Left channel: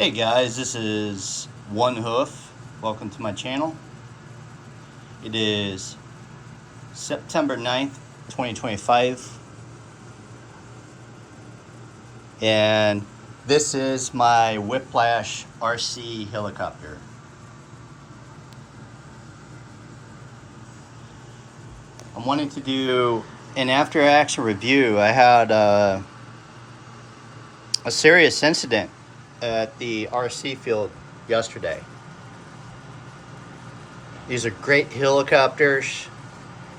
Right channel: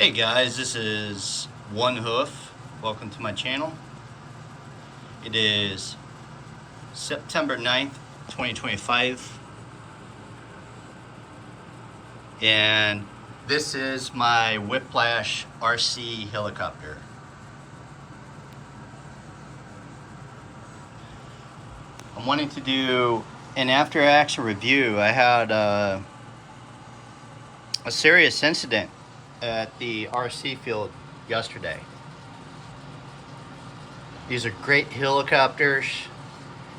Hey guys, this is One Hoof. Welcome to my channel. It is September 9th, 2025. And this is my Whiplash RC helicopter. I'm wanting to do an after action review. I had a serious incident at the RC field yesterday. These are great helicopters,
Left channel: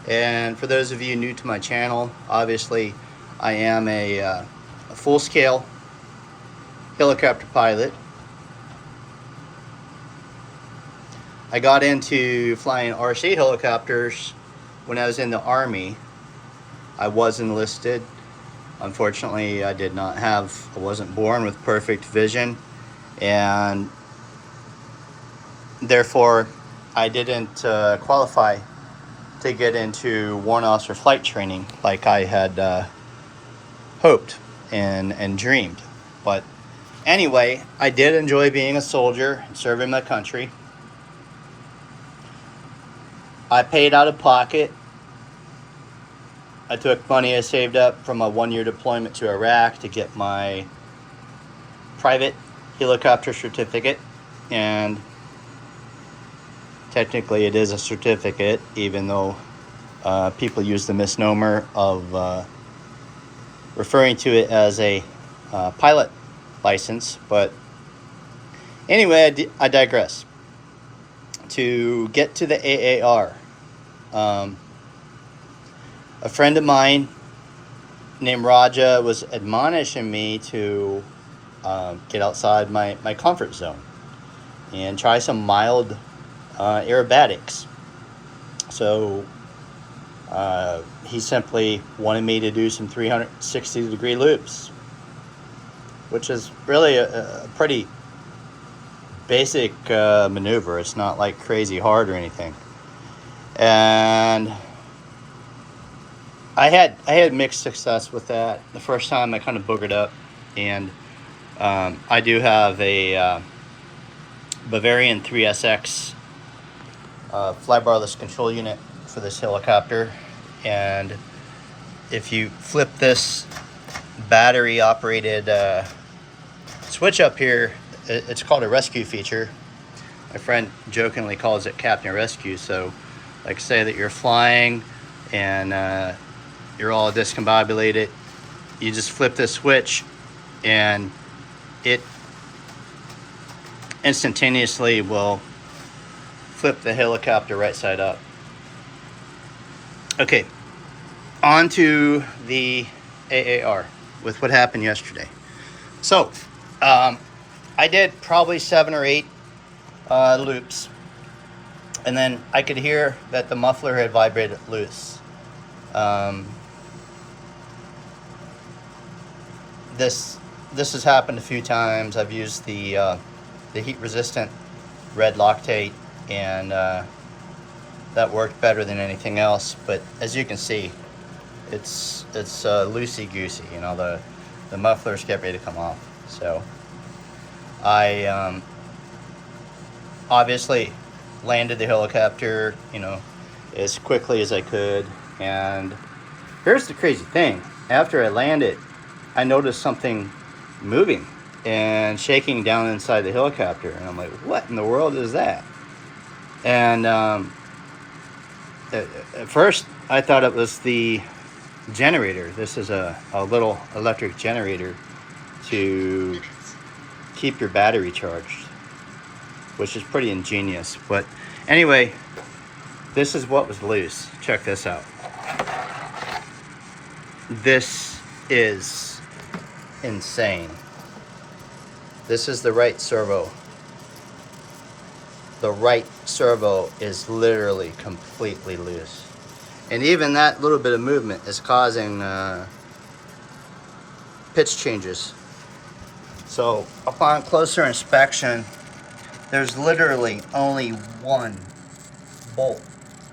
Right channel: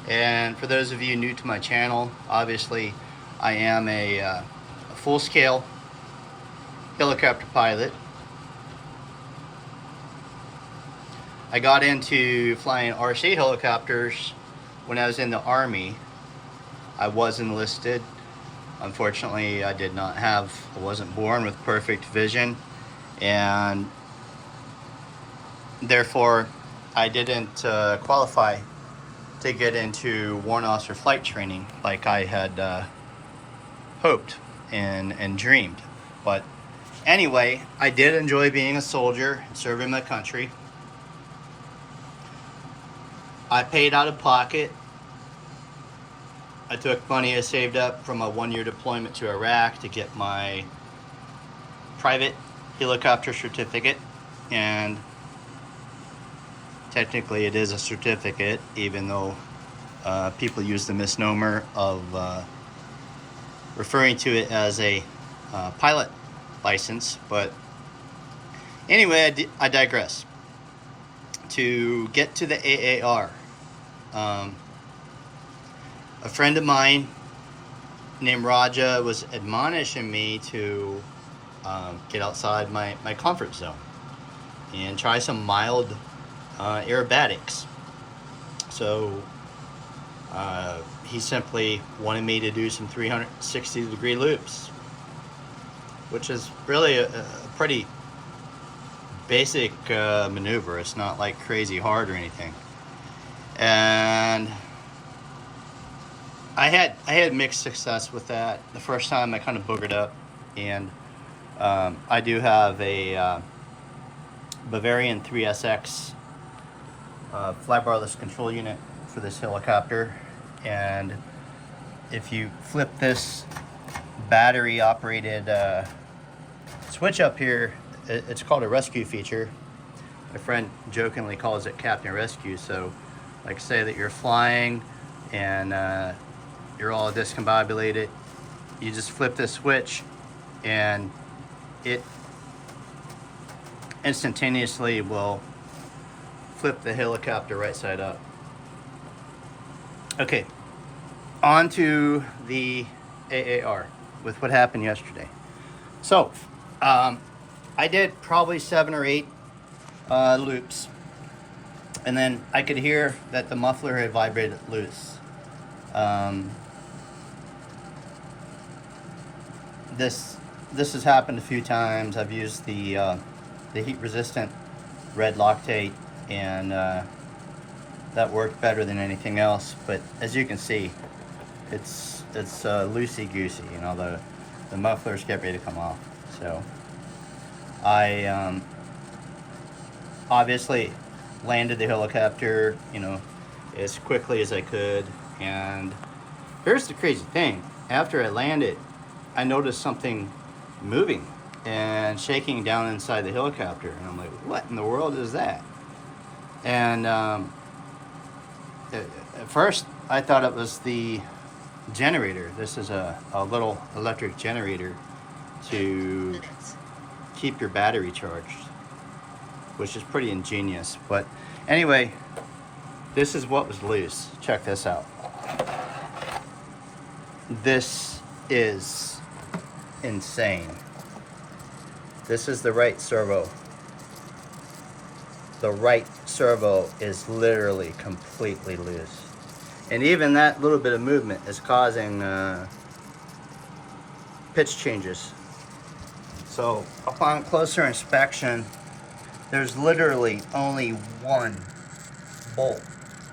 and for those of you new to my channel, obviously I am a full-scale helicopter pilot. I got into flying RC helicopters when I was in the Army. I was enlisted. Unfortunately, I wasn't born with perfect vision, and therefore I didn't qualify to get into warrant officer flight training like I had hoped and dreamed. But anyway, I did enjoy being a soldier and serving my country. I paid out of pocket. I took money I saved up from a one-year deployment to Iraq to get my private helicopter certificate, and technically it is a certificate, even though people use the misnomer of referring to it as a pilot license. But anyway, I digress. To get to the AAR, a friend of mine named Raja was admonishing me to get outside my comfort zone and try some mild aerobatics. So he simply wanted me to do some 360-degree loops, which is really a pretty basic maneuver. It's not like crazy hard or anything. And I had mixed success with that. The first time I kind of boogered up, and I do have a Bavarian 3SX flybarless control unit for this helicopter, and if you flip this battery operated switch up here, it's called a rescue feature. My friend jokingly calls it Captain Rescue. So like say that you're flying and you're all discombobulated, you just flip this switch and it instantaneously will flip the helicopter right side up. Okay, on to the AAR with what happened yesterday. So I did probably 7 or 8 loops, and then I could hear that the muffler had vibrated loose. This has happened a few times. I've used the heat resistant red Loctite, and that worked better than anything else. But as you can see, it's loosey goosey. You know, the mufflers get ready to come off. So I obviously landed the helicopter, you know, as quickly as I could. And here's the crazy thing: after I landed, I noticed something moving and shaking down inside the helicopter, and I'm like, what in the world is that? And at first I thought it was the generator. This is a little electric generator to keep your battery charged, which is pretty ingenious. But anyway, this is what was loose. Check this out. This is insane. This is the right servo. The right servo is literally completely loose, and even that little bit of movement is causing pitch changes. So upon closer inspection, there's literally only one bolt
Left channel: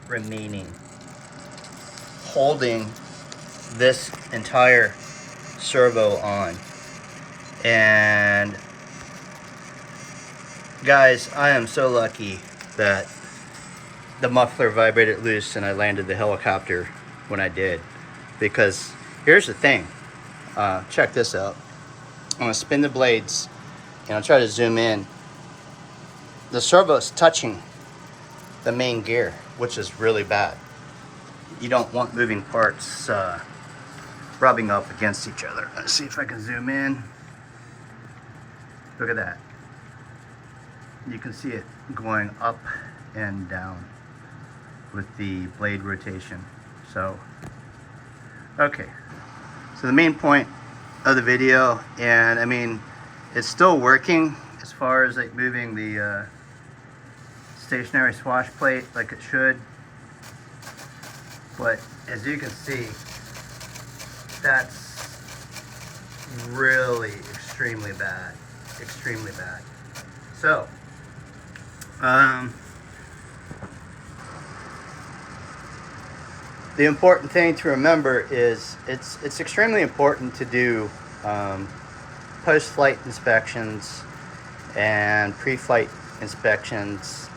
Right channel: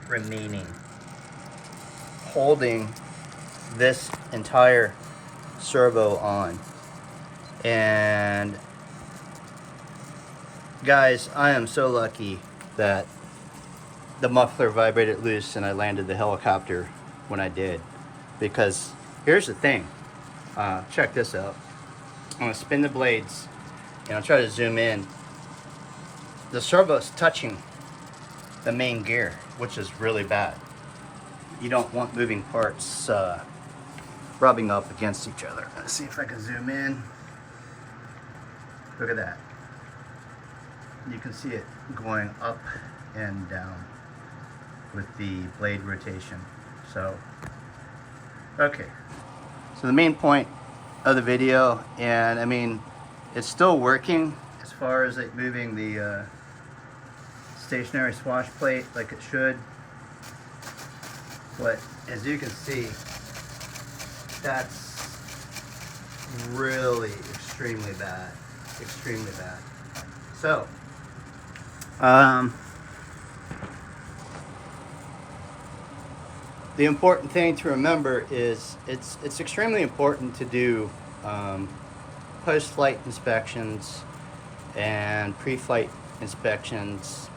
remaining holding this entire servo on. And Guys, I am so lucky that the muffler vibrated loose and I landed the helicopter when I did. Because here's the thing. Check this out. I'm going to spin the blades and I'll try to zoom in. The servo is touching the main gear, which is really bad. You don't want moving parts rubbing up against each other. Let's see if I can zoom in. Look at that. You can see it going up and down with the blade rotation. So, okay. So the main point of the video, and I mean, it's still working as far as like moving the stationary swash plate like it should. But as you can see, that's really extremely bad. Extremely bad. So, the important thing to remember is it's extremely important to do post-flight inspections and pre-flight inspections,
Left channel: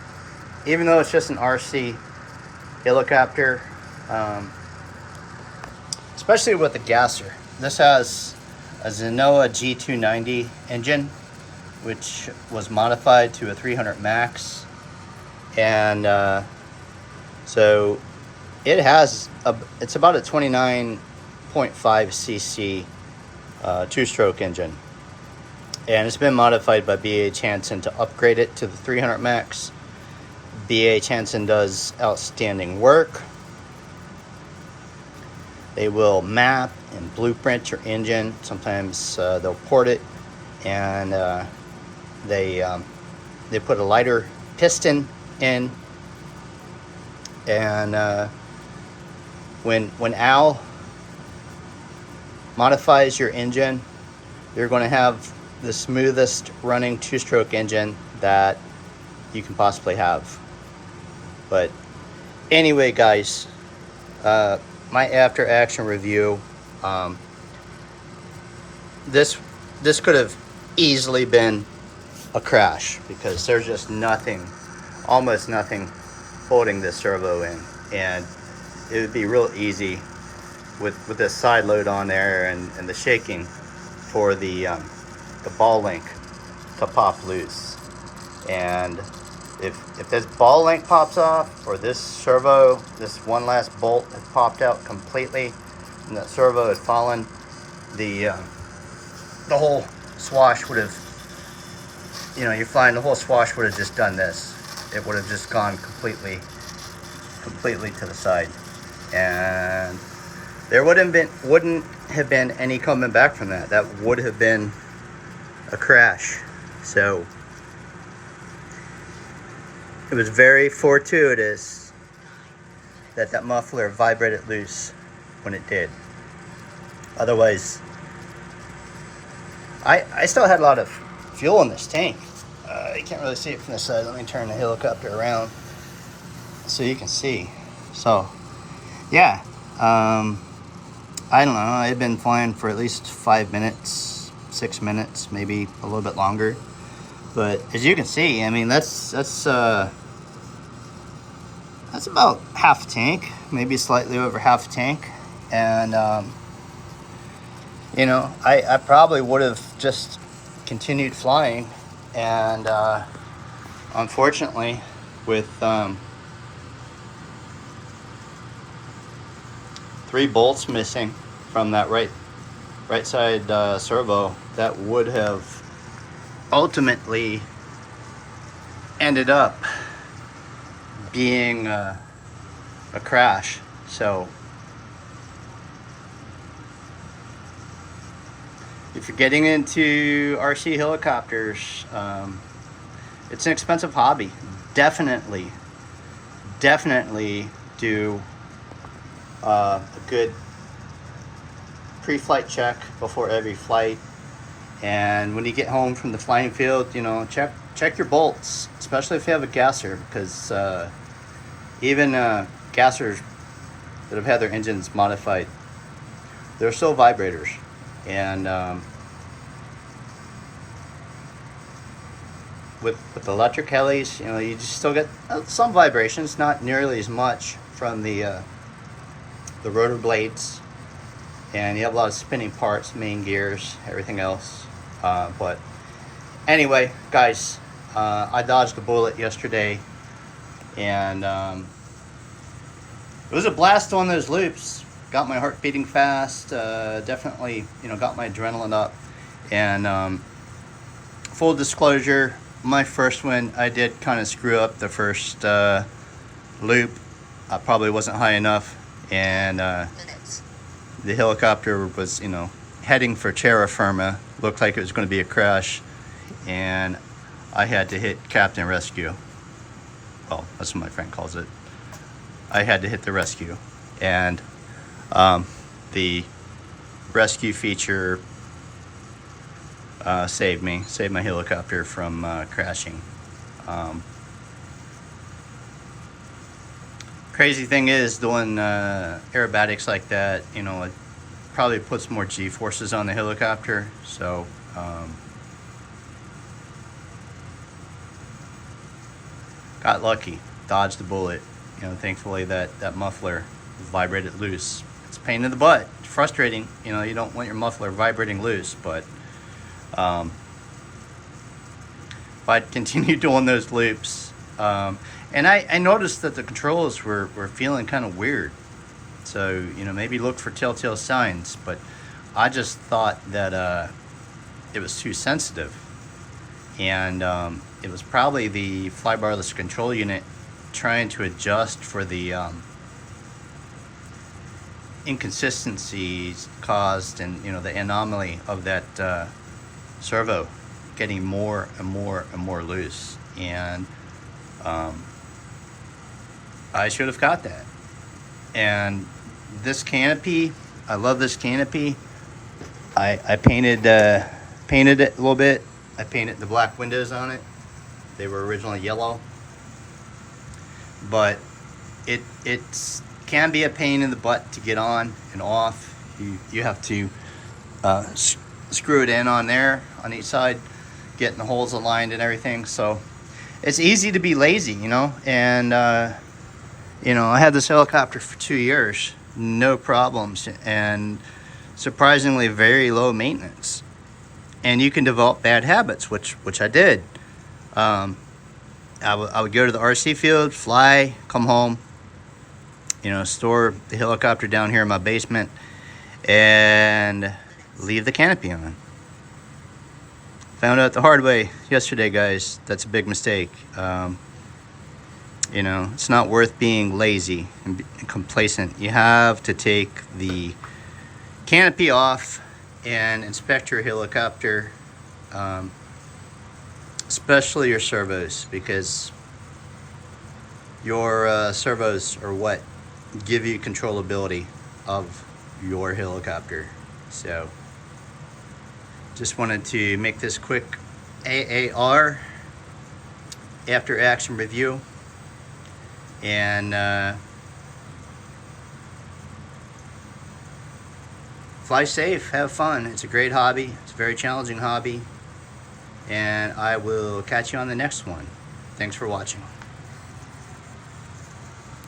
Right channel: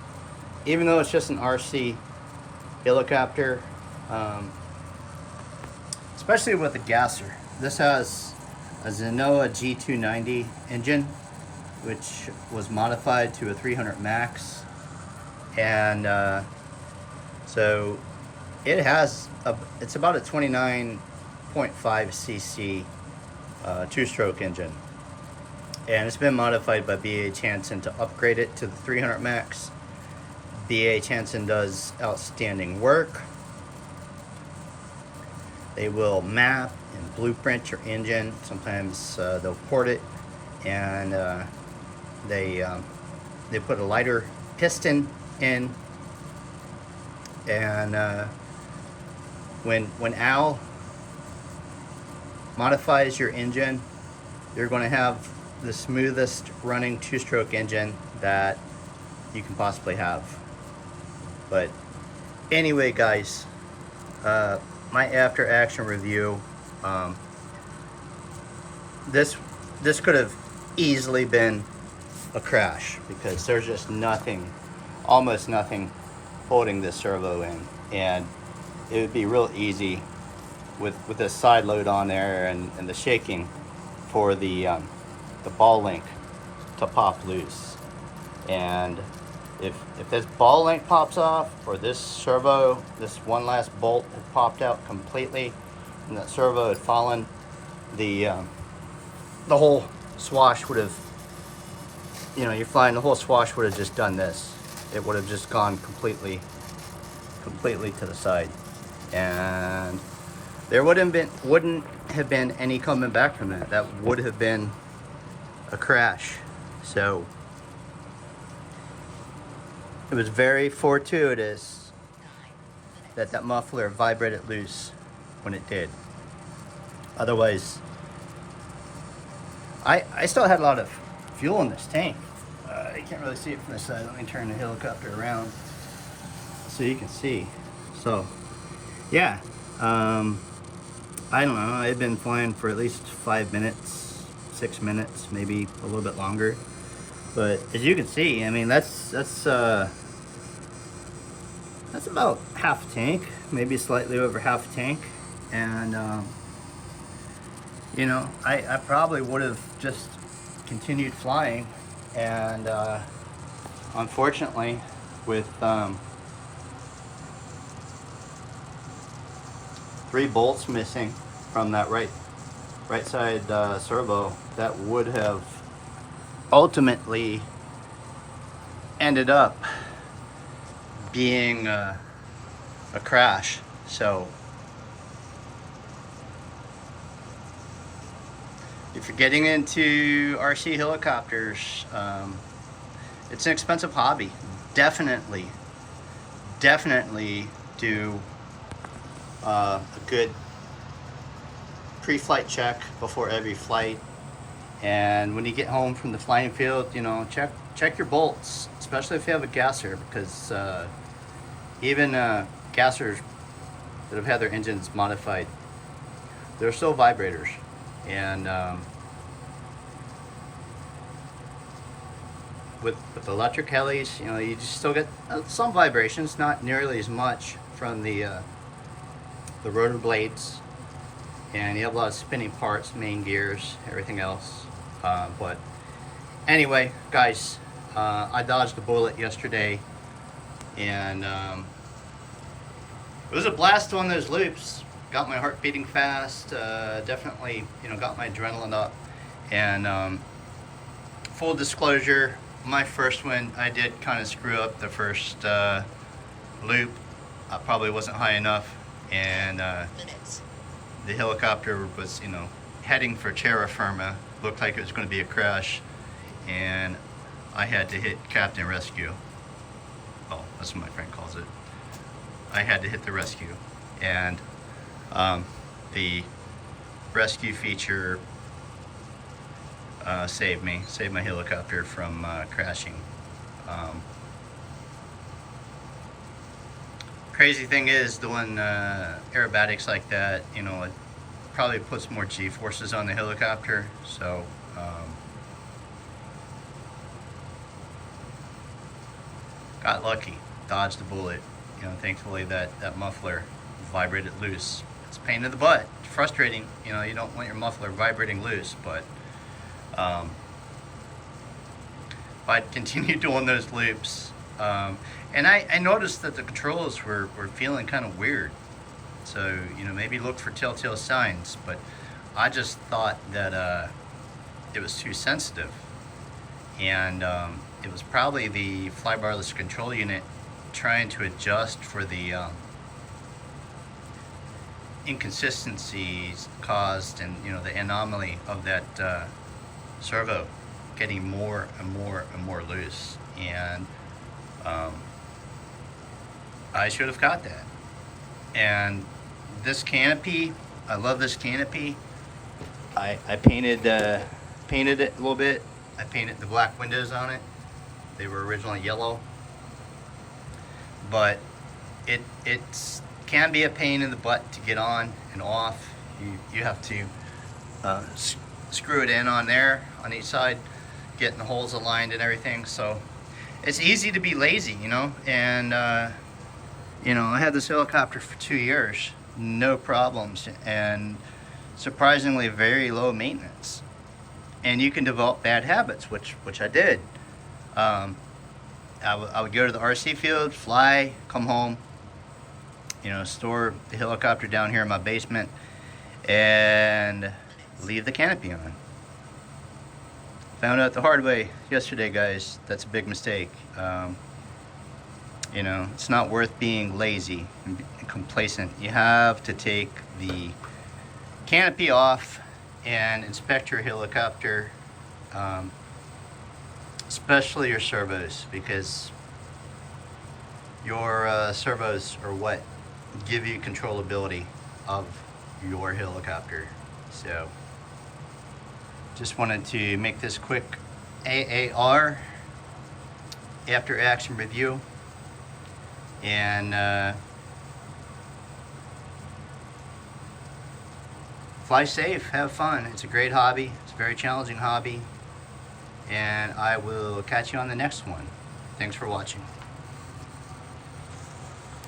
even though it's just an RC helicopter, especially with the gasser. This has a Zenoa G290 engine, which was modified to a 300 max, and so it has it's about a 29.5 cc two-stroke engine, and it's been modified by B.H. Hansen to upgrade it to the 300 max. B.H. Hansen does outstanding work. They will map and blueprint your engine. Sometimes they'll port it, and they put a lighter piston in, and when Al modifies your engine, you're going to have the smoothest running two-stroke engine that you can possibly have. But anyway, guys, my after action review, this could have easily been a crash, because there's just nothing, almost nothing holding this servo in, and it would be real easy with this side load on there and the shaking for the ball link to pop loose. And if this ball link pops off, or this servo, this one last bolt had popped out completely and that servo had fallen, the whole swash would have, you know, you're flying, the whole swash would have just done this. It would have just gone completely to the side, and there wouldn't have been any coming back from that. That would have been a crash. So it was very fortuitous that that muffler vibrated loose when it did. Otherwise, I still had a lot of fuel in this tank. You can't really see it from this side. Let me turn the helicopter around so you can see. So, yeah, I don't know. I've been flying for at least 5 minutes, 6 minutes, maybe a little bit longer. But as you can see, I mean, that's about half a tank, maybe slightly over half a tank. And you know, I probably would have just continued flying, and unfortunately, with 3 bolts missing from that right side servo, that would have ultimately ended up being a crash. So if you're getting into RC helicopters, it's an expensive hobby. Definitely do a good pre-flight check before every flight. And when you get home from the flying field, you know, check your bolts, especially if you have a gasser, because even gassers that have had their engines modified, they're still vibrators. And with the electric helis, you know, you just still get some vibrations, not nearly as much from the rotor blades, and you have a lot of spinning parts, main gears, everything else. But anyway, guys, I dodged the bullet yesterday, and it was a blast on those loops. Got my heart beating fast. Definitely, you know, got my adrenaline up. And full disclosure, my first one, I did kind of screw up the first loop. I probably wasn't high enough, and the helicopter was, you know, heading for terra firma. Looked like it was going to be a crash, and I had to hit Captain Rescue. Well, that's what my friend calls it. I had to hit the rescue, and the rescue feature saved my helicopter from crashing. Crazy thing is, doing aerobatics like that, you know, it probably puts more G-forces on the helicopter, so got lucky, dodged the bullet. You know, thankfully that muffler vibrated loose. It's a pain in the butt, it's frustrating, you know, you don't want your muffler vibrating loose, but if I continue doing those loops, and I noticed that the controls were feeling kind of weird, so, you know, maybe look for telltale signs, but I just thought that it was too sensitive, and it was probably the flybarless control unit trying to adjust for the inconsistencies caused, and, you know, the anomaly of that servo getting more and more and more loose, and I should have caught that. And this canopy, I love this canopy. I painted it a little bit. I painted the black windows on it. They were originally yellow, but it can be a pain in the butt to get on and off. You have to screw it in on there on each side, getting the holes aligned and everything. So it's easy to be lazy, you know. And you know, I had this helicopter for 2 years, no problems, and surprisingly very low maintenance. And you can develop bad habits, which I did. I would go to the RC field, fly, come home, you know, store the helicopter down here in my basement, and leave the canopy on. Found out the hard way yesterday, guys. That's a big mistake. You know, it's not worth being lazy and complacent. You have to take the canopy off and inspect your helicopter, especially your servos, because your servos are what give you controllability of your helicopter. So just wanted to make this quick AAR after action review, and fly safe, have fun. It's a great hobby. It's a very challenging hobby, and I will catch you on the next one. Thanks for watching.